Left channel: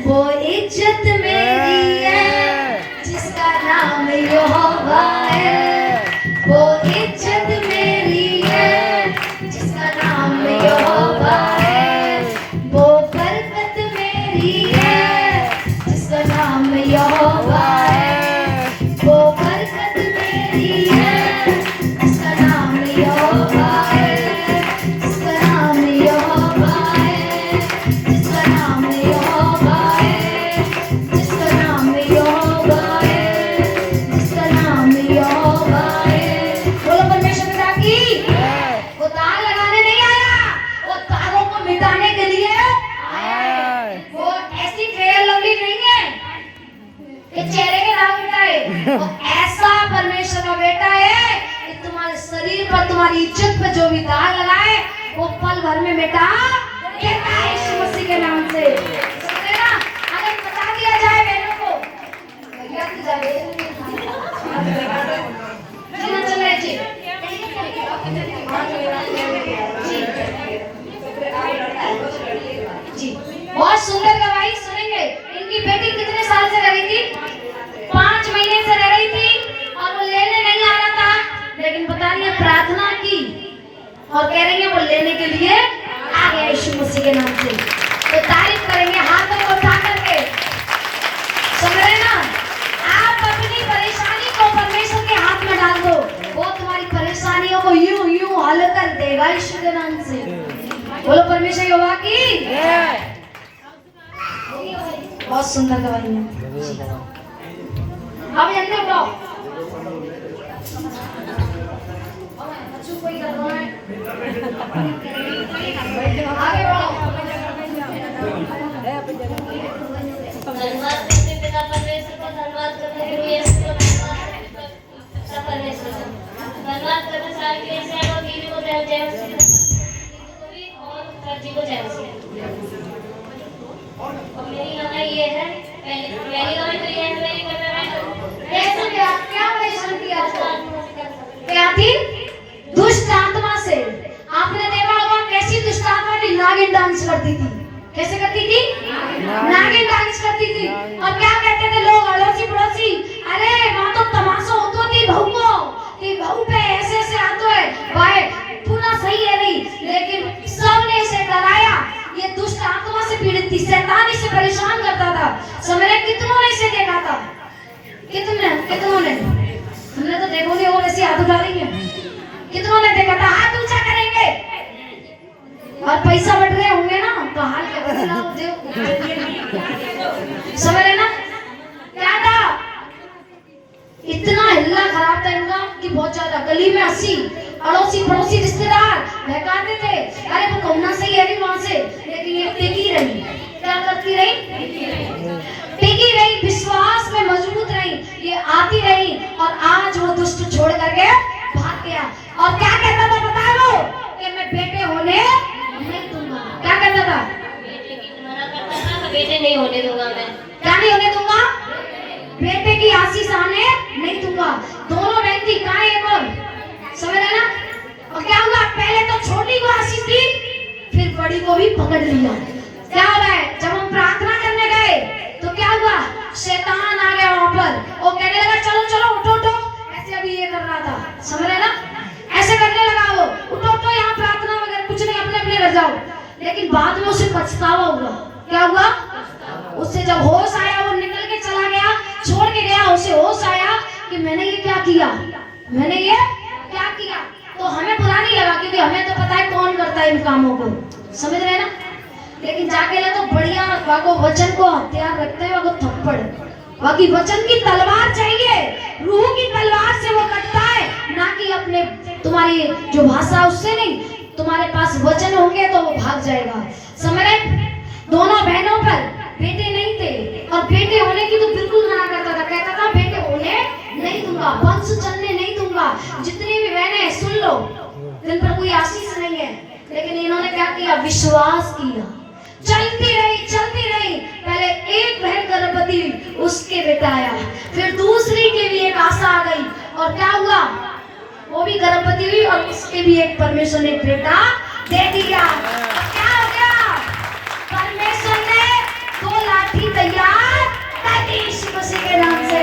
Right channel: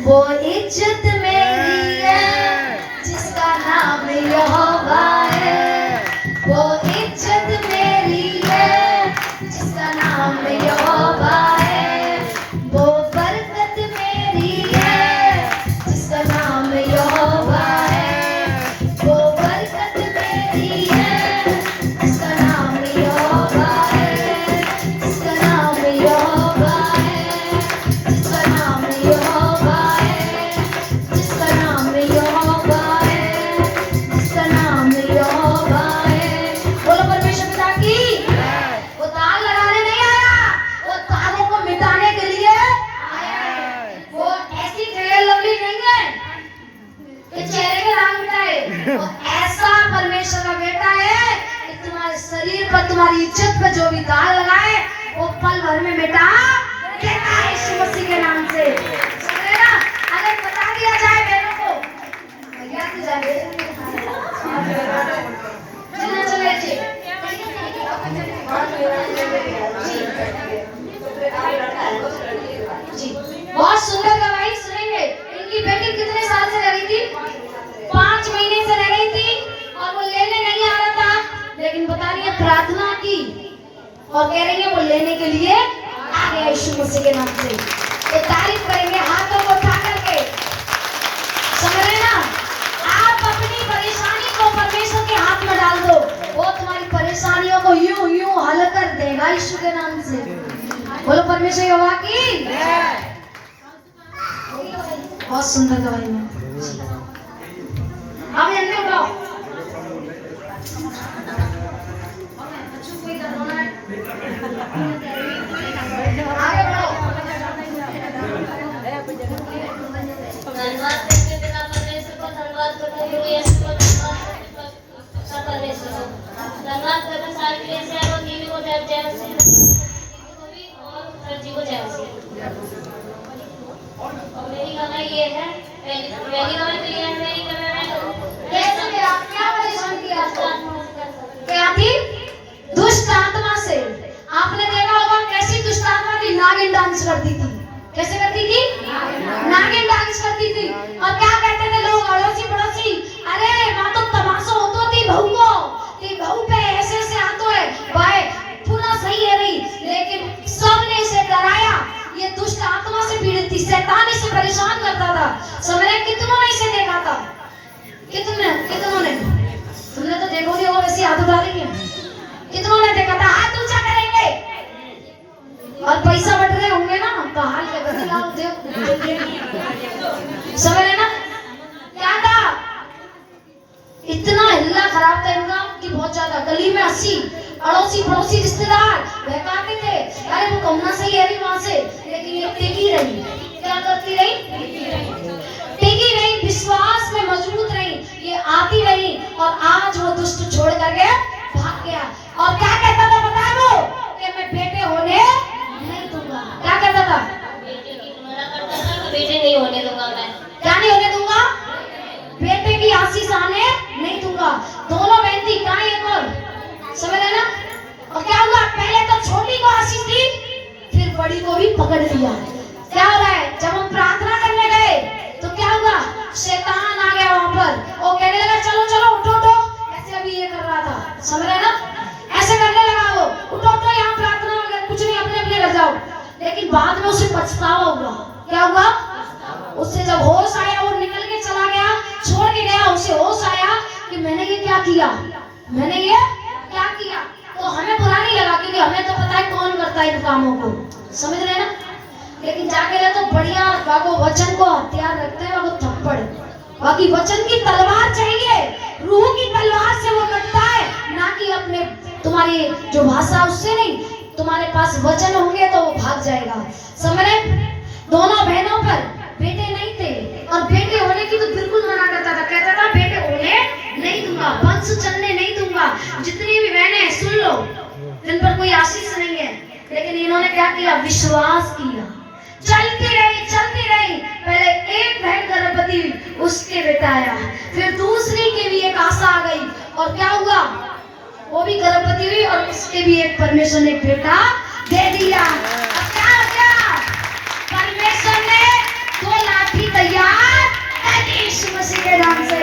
वो इज्जत मेरी है जिसका नाम यहोवा है, वो इज्जत मेरी है जिसका नाम यहोवा है, वो बरकत मेरी है जिसका नाम यहोवा है, वो बरकत मेरी है जिसका नाम यहोवा है, जिसका नाम यहोवा है, जिसका नाम यहोवा ऐसा परमेश्वर का बेटा है कि तुम्हारे शरीर पर तुम्हारी इज्जत पर जो भी दाग लगाए वो पल भर में बेटा देता है यीशु मसीह के नाम से। समझे ना? अगर बता दिया जाए बहनों को याद जाए जी बहुत सुंदर गवाही सुनेंगे। इनकी बेटी कितने साल से रही थी? 5 महीने से रह रही थी और वो लेने नहीं आ रहा था, लेकिन बता रही है प्रार्थना की और कह रही है वो लेने के लिए आ गया यीशु मसीह के नाम से। तो तारीफ करेंगे हाथों को उठा करके। समझ रहे ना? आप अपनी परेशानी को परमेश्वर के हाथ में डाल दो, वो तुम्हारी परेशानियों को यूं यूं हल कर देगा यीशु के नाम से। बोलो परमेश्वर यहोवा की बहुत सुंदर गवाही है। अब जल्दी उठो। आगे बढ़ो। धन्यवाद करते पिता परमेश्वर का धन्यवाद करते हैं कि इसको धन्यवाद करते सारे के से और टीवी को जय जय को भी और जी को जय और मेरी गाना ये है पहली गाना तो ये है कैसे में आप क्या परेशान किया था? क्या थी? दुष्ट आत्मा से। आपने देखा होगा कैसी दुष्ट आत्मा की नागिन डांस करती थी। कैसे करती थी? नागिन डांस करती थी। और क्या कहते थे लोग अड़ोसी पड़ोसी, अरे वहां तो तमाशा होतो थी बहू को कि बहू पे ऐसे ऐसे आतो है भाई पूरा सही है नहीं, लेकिन सबने इसे डराया। ये दुष्ट आत्मा से पीड़ित थी, शैतान इसे परेशान करता था। समझे? कितनों ने इसे देखा था? कितनों ने तुमने तो देखोगे वो वैसी आदत डाली है। कितनों ने देखा था? हाथ ऊंचा करेंगे और पैसा बढ़ रहे होंगे ना तो हाथ के बदलाव दे। समझ रहे ना? क्या था? इतना हिल्ला खराब था इनका कि बहुत ज्यादा। गली में 80 अड़ोसी पड़ोसी रिश्तेदार बहकाते थे, अरे वो कौना सही है नहीं वहां से, लेकिन ये टिकी रही। क्या करती रही? टिकी रही, विश्वास में मजबूत रही, ये आती रही और आज वो दुष्ट छोड़ करके भाग गया। और क्या कहता था पता है वो? कि मैं बेटे होने नहीं दूंगा। क्या कहता था? बेटे की मना करता था, बेटे नहीं होने दूंगा मैं। क्या नहीं होने दूंगा? बेटे की आशीष आने नहीं दूंगा। दोनों बहन थी, कहाँ एक और? समझ रहे ना? और क्या हुआ? पहले तो छोटी को आशीष दी, फिर बड़ी को भी पकड़ लिया। क्या हो रहा है? जब हम प्रार्थना करने गए तो क्या हुआ? शैतान आ गया वहां पर, वो कहने लगा चलो चलो उठो उठो। ऐसे अभी ये कर रहा था, समझ रहे ना? ऐसे करने लगा वो, उठो उठो यहाँ प्रार्थना वगैरह कुछ नहीं, अपने अपने घर जाओ। लेकिन बाद में उसे पछतावा हुआ। क्या हुआ? उससे जब होश आया वो निकल के चला गया, छोड़ के गया। उसे होश आया कि मैंने ये क्या किया, मैंने ये क्या किया। तो हमें बुरा नहीं लगा क्योंकि हमें तो पता है कौन करता है इन कामों को। समझ रहे ना? लेकिन जाके तो बढ़िया वाको वचन को हथियार रखते हैं, वाको थप्पड़। बाकी वचन की तलवार चाहिए, रूह की तलवार से वो कटता है, ना कि अपने तुम्हारी जो भाषा उससे नहीं। तुम्हारे पास वचन होंगे तो वो भाग जाएगा। समझ रहे? दोनों बहनों पर बेटे नहीं थे और बेटे होने की तो बिल्कुल मना करता था। कहता था बेटे होने नहीं दूंगा, वंश चलने नहीं दूंगा। जितनी भी बहनें हैं, सुन लो, जिन पर कोई आशीष नहीं है, लेकिन इन्होंने क्या किया? विश्वास किया, चलती रही। पहले एक बहन गर्भवती हुई, उसके बेटा आया, फिर दूसरी के भी एक आशा आ गई, और क्या हुआ? वो भी गर्भवती हुई और उसके भी एक परमेश्वर ने बेटा दे दिया। अब क्या हो गया? परमेश्वर ने 2 लाठी तैयार कर दी यीशु मसीह के नाम से।